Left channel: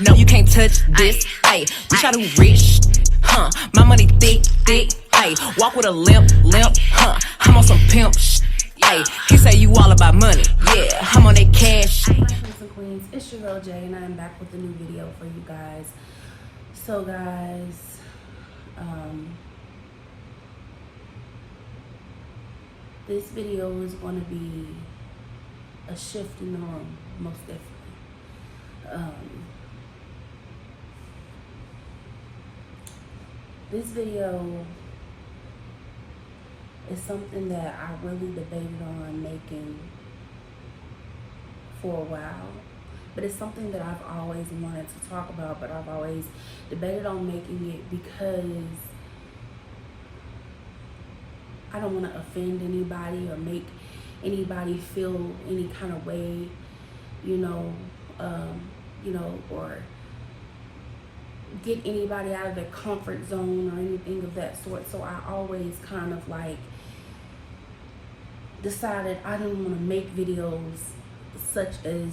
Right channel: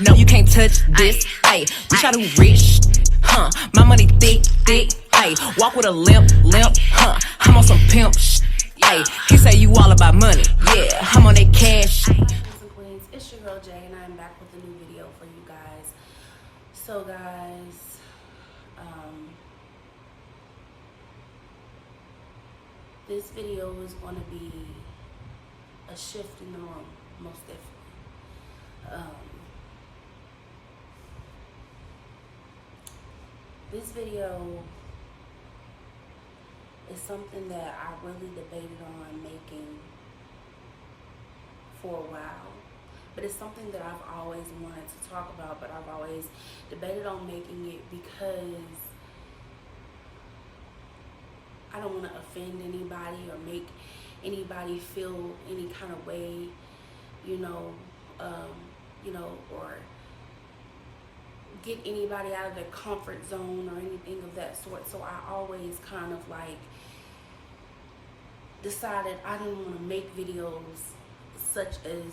No, you can't touch this. Ayy, bitch, I do rich. My money thick. Ayy, walk with a limp. I'm on some pimp shit. Ayy, he say you all about money. Yeah, I'm on that cash. Hi, kings and queens. It's your girl Jay, and I am back with a new video for you guys. So, guys, this video is going to be a shift in the room, most definitely. This video is something that I really debated on making for a while, but it's something that I've always wanted to talk about, but I've always debated on making it because I don't want to offend anybody or make anybody feel any kind of way, or get anybody out of their comfort zone or anything of that sort. So I always kind of like decided I didn't want to make videos such as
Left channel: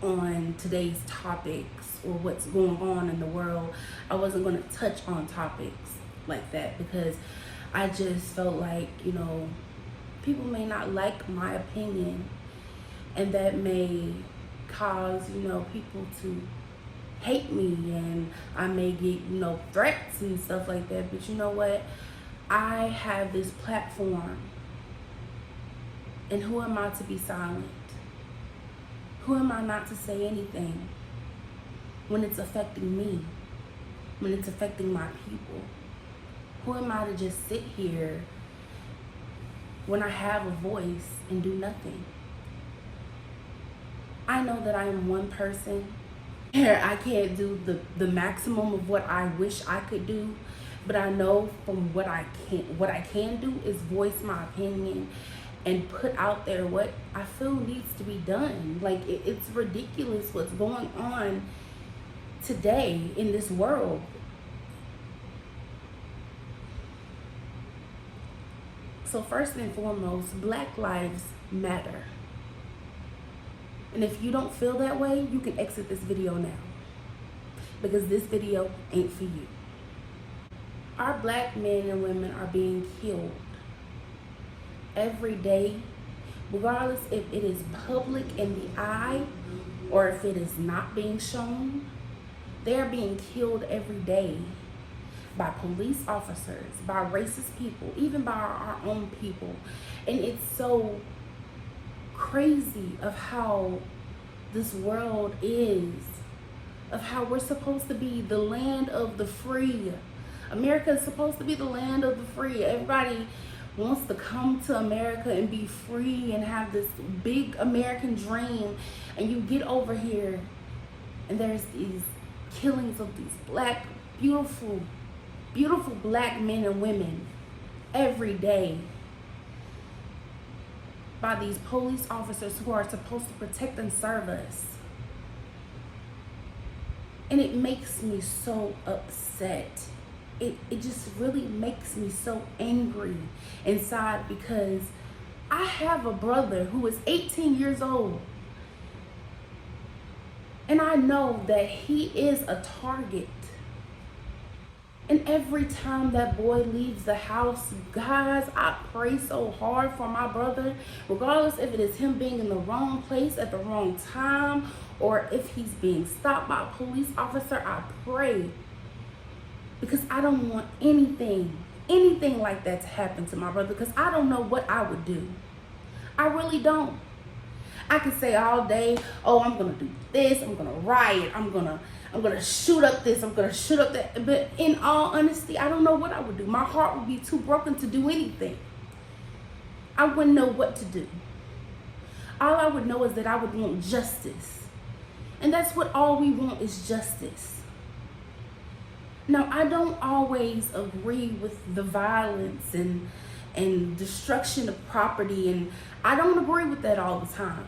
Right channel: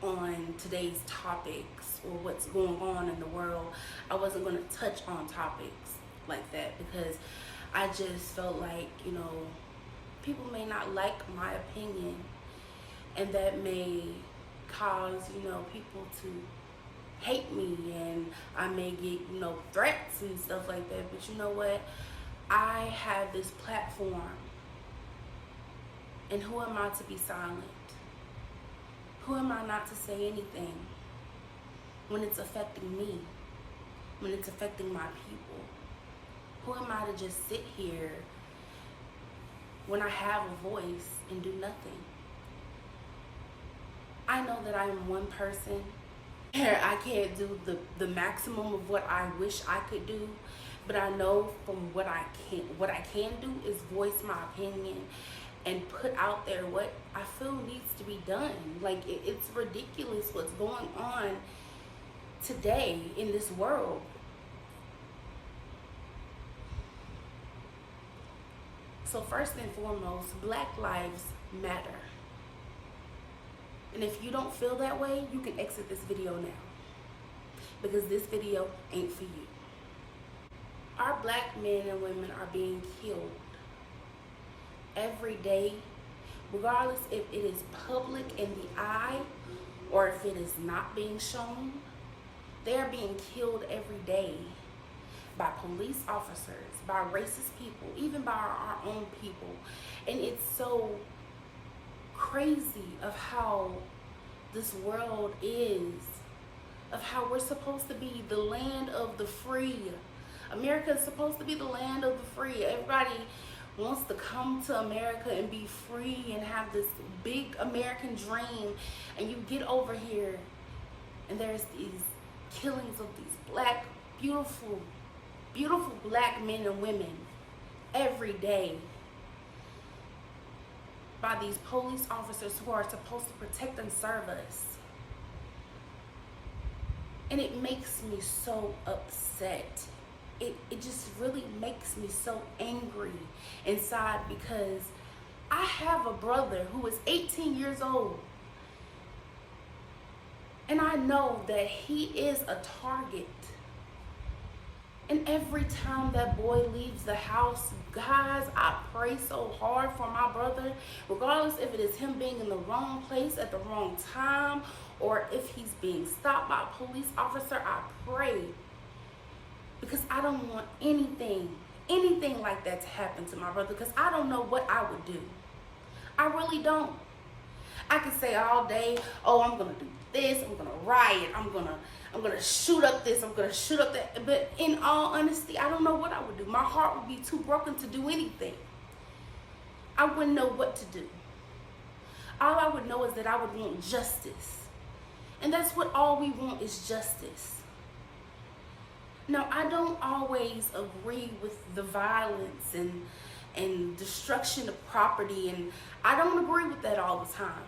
on today's topics or what's going on in the world. I wasn't going to touch on topics like that because I just felt like, people may not like my opinion, and that may cause, people to hate me, and I may get, threats and stuff like that. But you know what? I have this platform, and who am I to be silent? Who am I not to say anything when it's affecting me, when it's affecting my people? Who am I to just sit here when I have a voice and do nothing? I know that I am one person. I can't do the maximum of what I wish I could do, but I know from what I can do is voice my opinion and put out there what I feel needs to be done. Like, it's ridiculous what's going on today in this world. So first and foremost, Black lives matter. And if you don't feel that way, you can exit this video now, because this video ain't for you. Our Black men and women are being killed every day, regardless if it is public in the eye or if it is not being shown. They're being killed every day by police officers, by racist people, even by our own people. And it's so crazy of how this world is, of how we're supposed to be the land of the free. America is supposed to be the land of the free. Everybody wants to come to America and be free and have this big American dream, and you get over here and there's these killings of these Black, beautiful Black men and women every day by these police officers who are supposed to protect and serve us. And it makes me so upset. It just really makes me so angry inside, because I have a brother who is 18 years old, and I know that he is a target. And every time that boy leaves the house, guys, I pray so hard for my brother, regardless if it is him being in the wrong place at the wrong time or if he's being stopped by a police officer. I pray, because I don't want anything like that to happen to my brother, because I don't know what I would do. I really don't. I could say all day, oh, I'm gonna do this, I'm gonna riot, I'm gonna shoot up this, I'm gonna shoot up that. But in all honesty, I don't know what I would do. My heart would be too broken to do anything. I wouldn't know what to do. All I would know is that I would want justice. And that's what all we want is justice. Now, I don't always agree with the violence and destruction of property, and I don't agree with that all the time.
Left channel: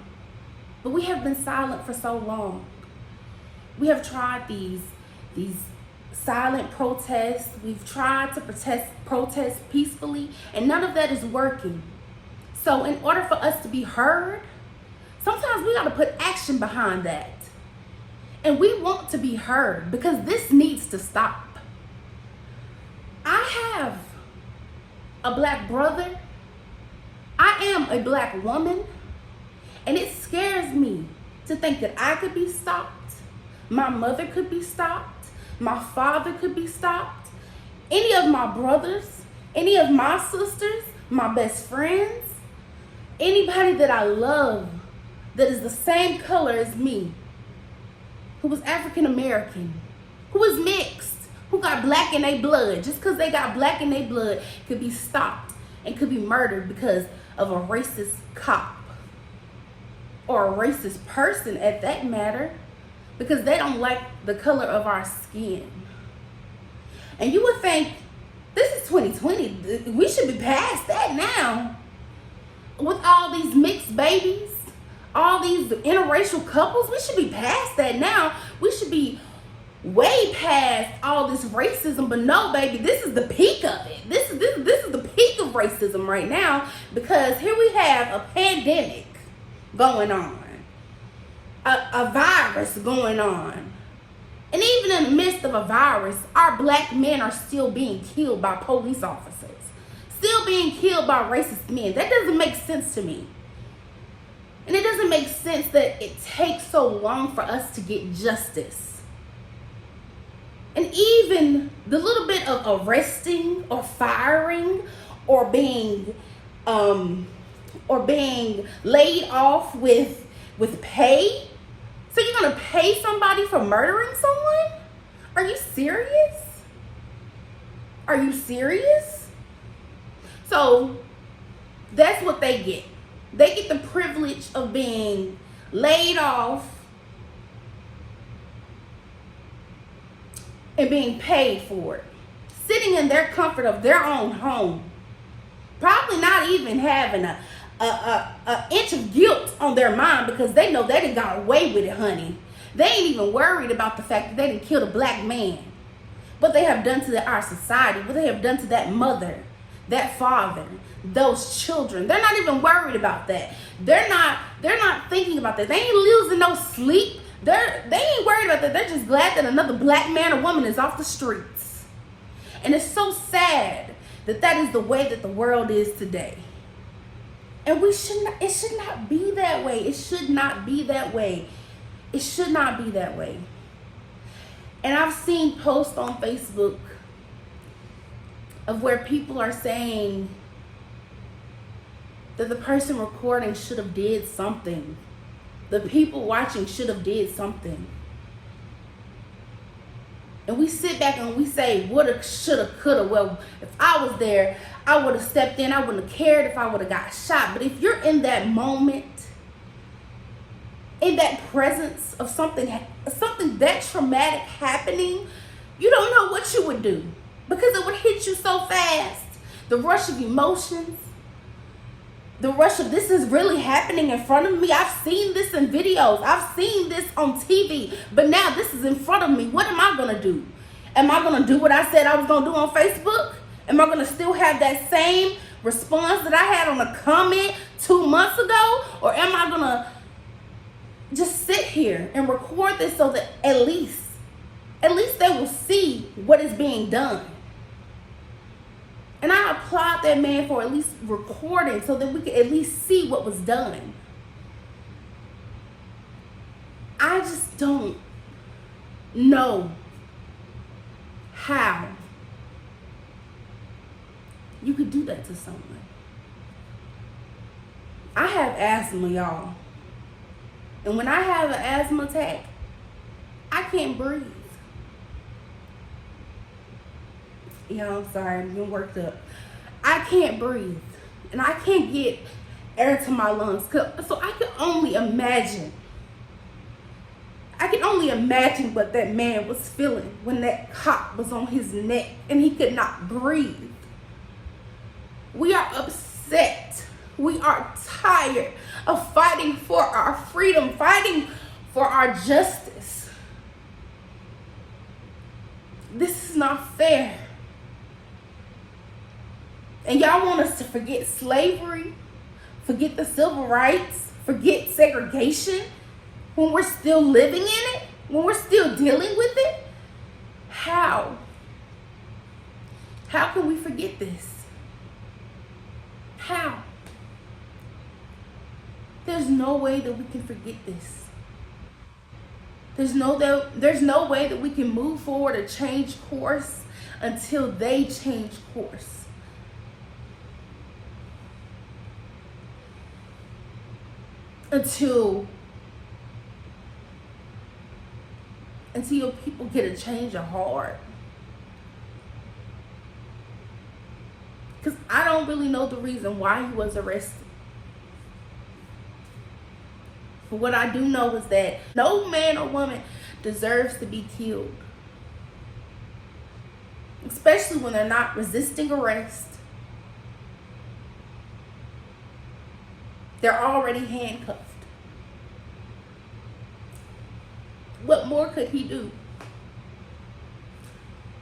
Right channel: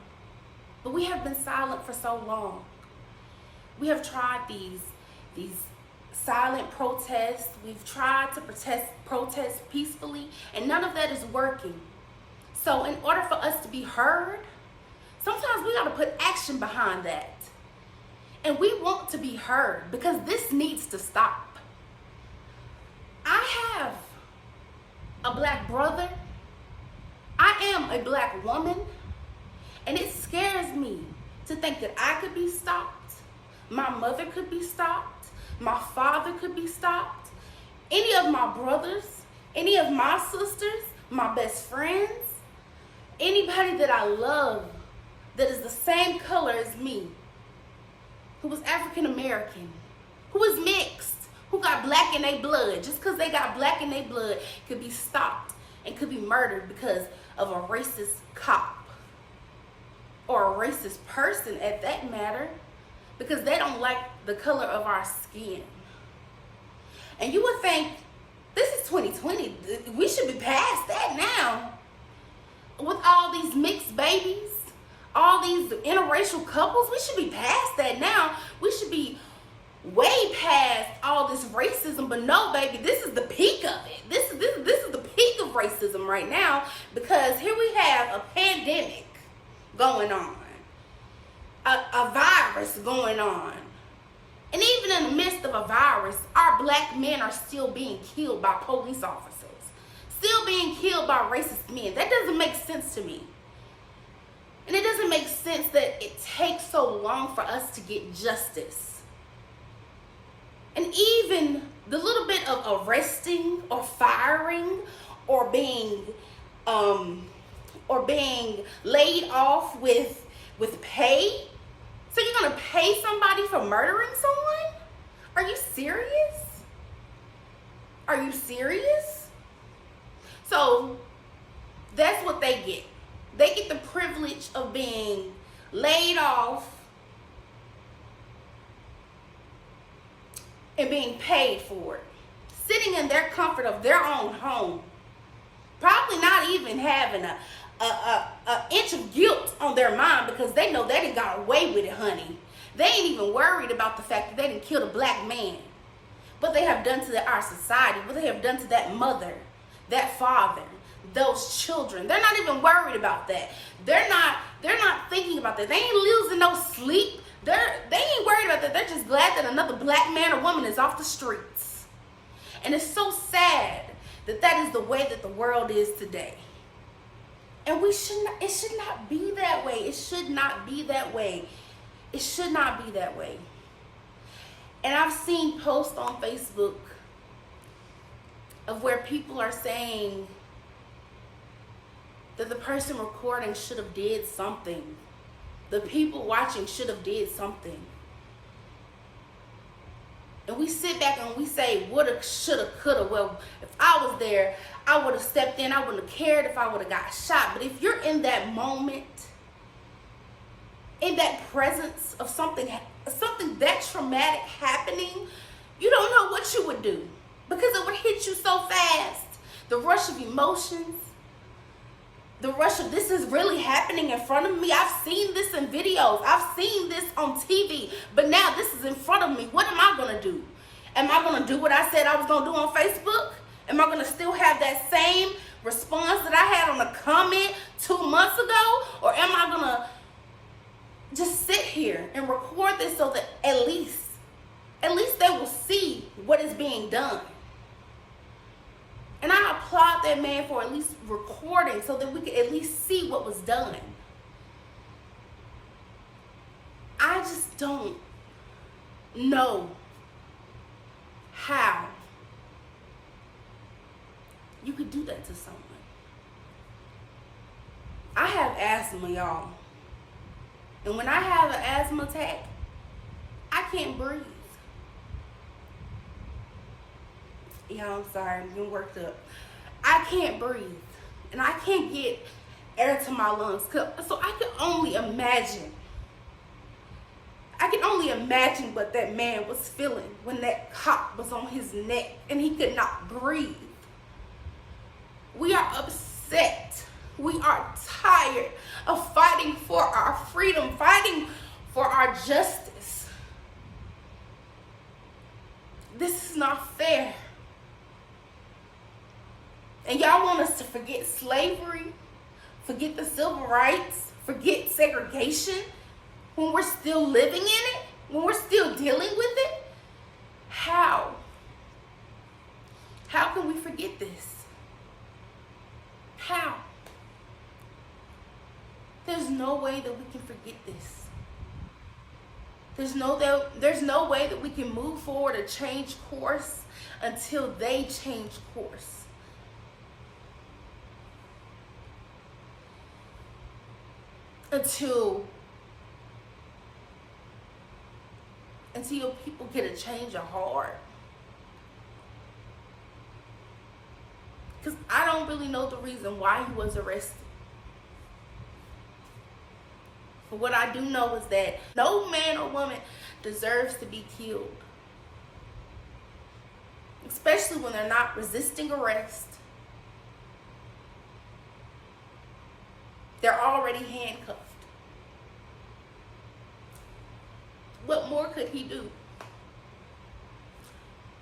But we have been silent for so long. We have tried these silent protests. We've tried to protest peacefully, and none of that is working. So in order for us to be heard, sometimes we got to put action behind that. And we want to be heard because this needs to stop. I have a black brother. I am a black woman. And it scares me to think that I could be stopped. My mother could be stopped. My father could be stopped. Any of my brothers, any of my sisters, my best friends, anybody that I love that is the same color as me, who was African American, who is mixed, who got black in their blood, just because they got black in their blood, could be stopped and could be murdered because of a racist cop or a racist person at that matter, because they don't like the color of our skin. And you would think, this is 2020, we should be past that now. With all these mixed babies, all these interracial couples, we should be past that now. We should be way past all this racism. But no, baby, this is the peak of it. This is the peak of racism right now, because here we have a pandemic going on, a virus going on. And even in the midst of a virus, our black men are still being killed by police officers, still being killed by racist men. That doesn't make sense to me. And it doesn't make sense that it takes so long for us to get justice. And even the little bit of arresting or firing or being laid off with pay. So you're gonna pay somebody for murdering someone? Are you serious? Are you serious? So that's what they get. They get the privilege of being laid off and being paid for it, sitting in their comfort of their own home, probably not even having a inch of guilt on their mind, because they know they done got away with it, honey. They ain't even worried about the fact that they didn't kill a black man. What they have done to our society, what they have done to that mother, that father, those children. They're not even worried about that. They're not thinking about that. They ain't losing no sleep. They ain't worried about that. They're just glad that another black man or woman is off the streets. And it's so sad that that is the way that the world is today. And it should not be that way. It should not be that way. It should not be that way. And I've seen posts on Facebook of where people are saying that the person recording should have did something. The people watching should have did something. And we sit back and we say, woulda, shoulda, coulda. Well, if I was there, I would have stepped in. I wouldn't have cared if I would have got shot. But if you're in that moment, in that presence of something that traumatic happening, you don't know what you would do, because it would hit you so fast. The rush of emotions, the rush of, this is really happening in front of me. I've seen this in videos. I've seen this on TV. But now this is in front of me. What am I going to do? Am I going to do what I said I was going to do on Facebook? Am I going to still have that same response that I had on a comment 2 months ago? Or am I going to just sit here and record this so that at least they will see what is being done? And I applaud that man for at least recording so that we could at least see what was done. I just don't know how you could do that to someone. I have asthma, y'all. And when I have an asthma attack, I can't breathe. Yeah, I'm sorry, I'm getting worked up. I can't breathe. And I can't get air to my lungs. So I can only imagine. I can only imagine what that man was feeling when that cop was on his neck and he could not breathe. We are upset. We are tired of fighting for our freedom, fighting for our justice. This is not fair. And y'all want us to forget slavery, forget the civil rights, forget segregation when we're still living in it, when we're forget this? How? There's no way that we can forget this. There's no way that we can move forward or change course until they change course. Until people get a change of heart. Because I don't really know the reason why he was arrested. But what I do know is that no man or woman deserves to be killed. Especially when they're not resisting arrest. They're already handcuffed. What more could he do?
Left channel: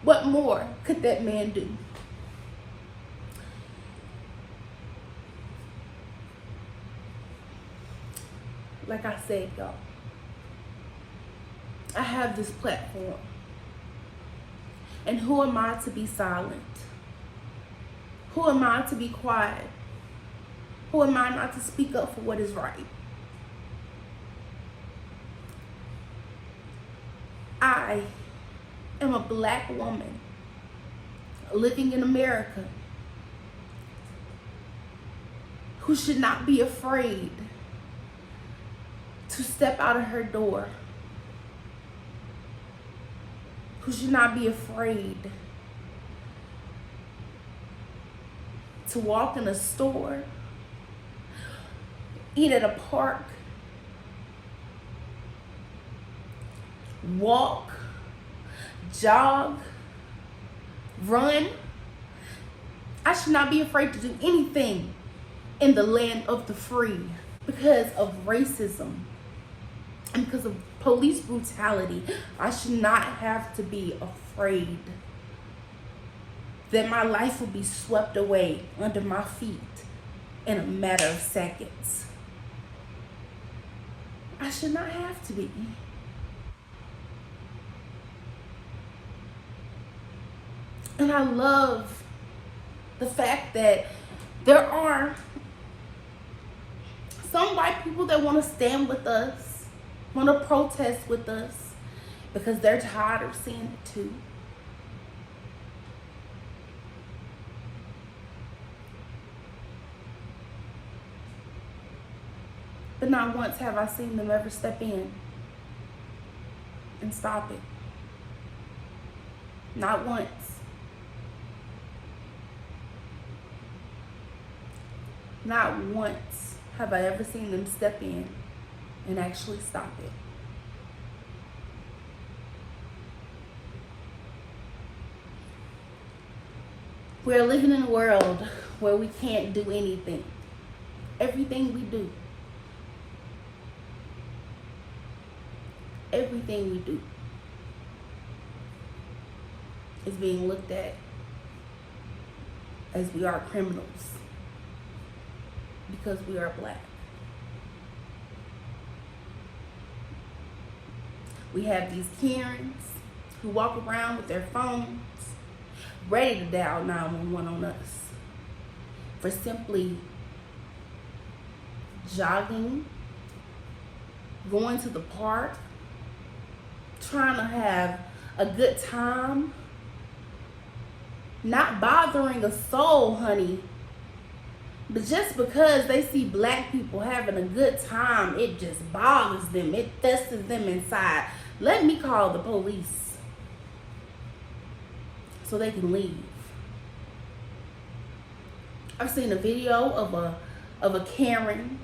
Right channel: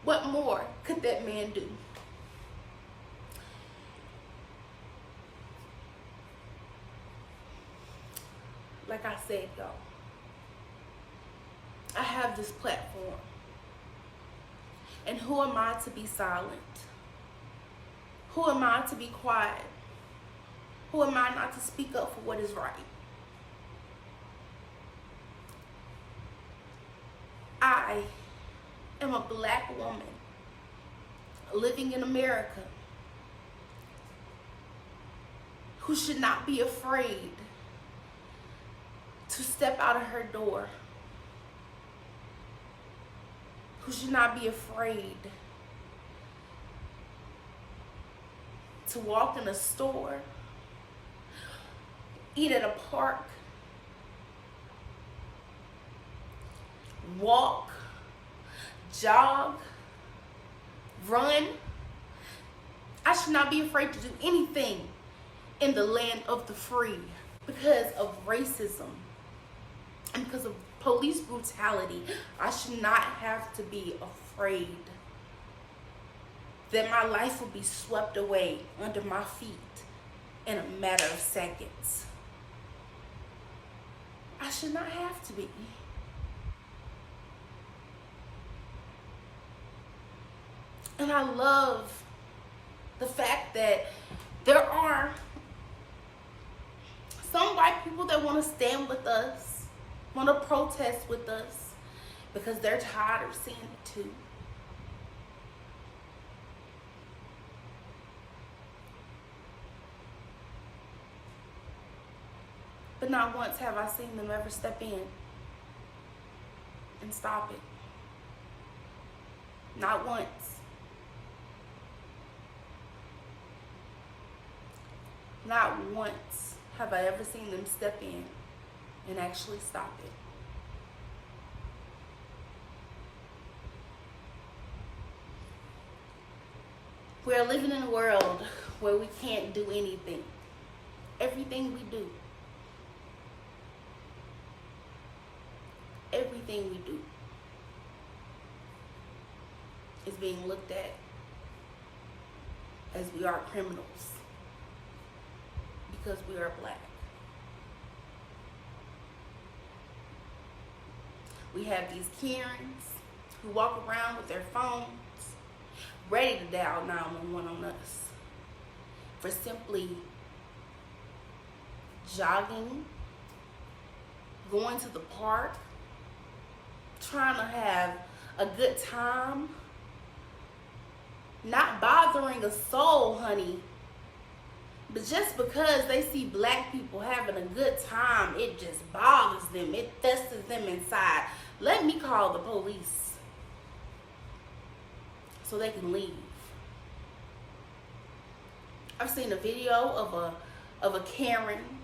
What more could that man do? Like I said, y'all, I have this platform. And who am I to be silent? Who am I to be quiet? Who am I not to speak up for what is right? I am a black woman living in America who should not be afraid to step out of her door, who should not be afraid to walk in a store, eat at a park, walk, jog, run. I should not be afraid to do anything in the land of the free because of racism and because of police brutality. I should not have to be afraid that my life will be swept away under my feet in a matter of seconds. I should not have to be. And I love the fact that there are some white people that want to stand with us, want to protest with us, because they're tired of seeing it too. But not once have I seen them ever step in and stop it. Not once. Not once have I ever seen them step in and actually stop it. We're living in a world where we can't do anything. Everything we do. Everything we do is being looked at as we are criminals because we are black. We have these Karens who walk around with their phones ready to dial 911 on us for simply jogging, going to the park, trying to have a good time, not bothering a soul, honey. But just because they see black people having a good time, it just bothers them. It festers them inside. Let me call the police so they can leave. I've seen a video of a Karen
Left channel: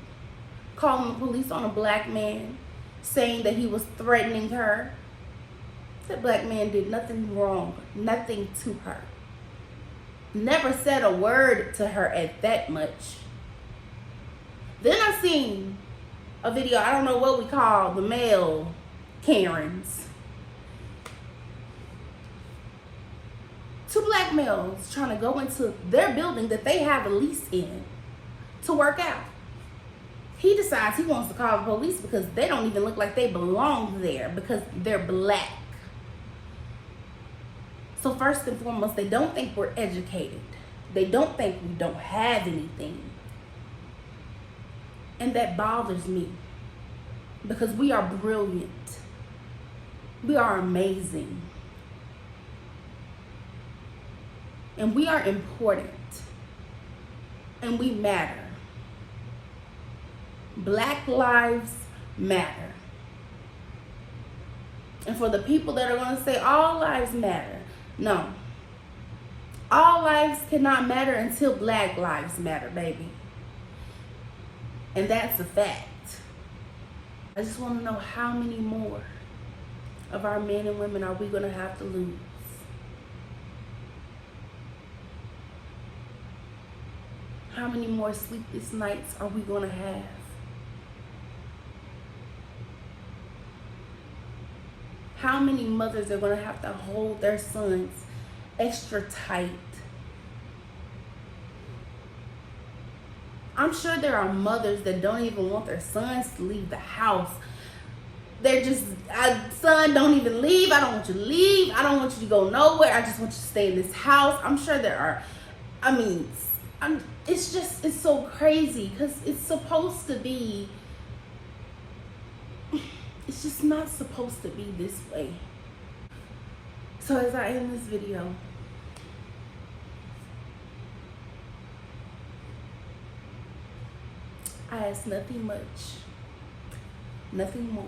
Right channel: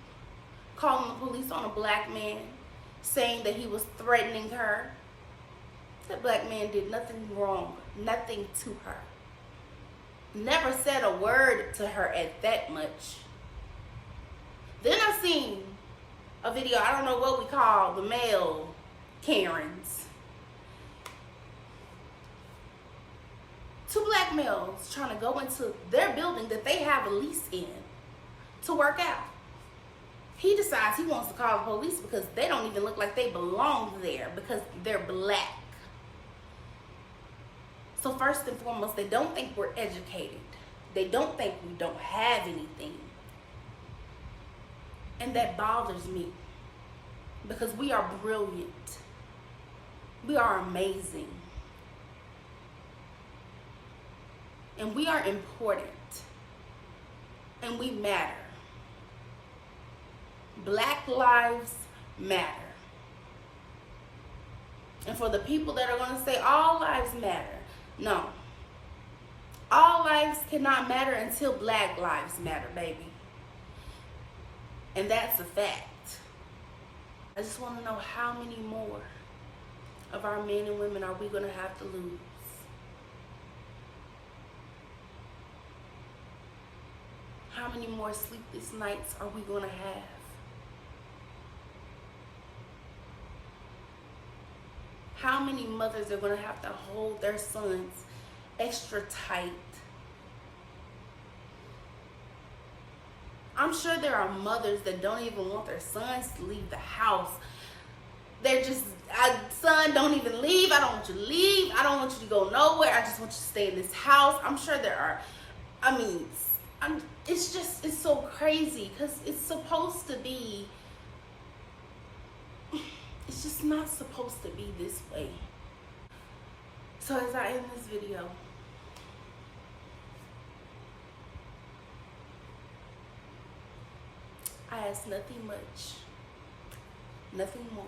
calling the police on a black man, saying that he was threatening her. That black man did nothing wrong, nothing to her. Never said a word to her at that much. Then I seen a video, I don't know what we call the male Karens. Two black males trying to go into their building that they have a lease in to work out. He decides he wants to call the police because they don't even look like they belong there because they're black. So first and foremost, they don't think we're educated. They don't think we don't have anything. And that bothers me because we are brilliant. We are amazing. And we are important. And we matter. Black lives matter. And for the people that are going to say all lives matter, no. All lives cannot matter until black lives matter, baby. And that's a fact. I just want to know how many more of our men and women are we going to have to lose? How many more sleepless nights are we going to have? How many mothers are going to have to hold their sons extra tight? I'm sure there are mothers that don't even want their sons to leave the house. They're just, son, don't even leave. I don't want you to leave. I don't want you to go nowhere. I just want you to stay in this house. I'm sure there are, it's so crazy because it's supposed to be, it's just not supposed to be this way. So as I end this video, I ask nothing much, nothing more,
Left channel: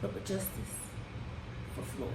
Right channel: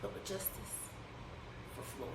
but justice for Floyd.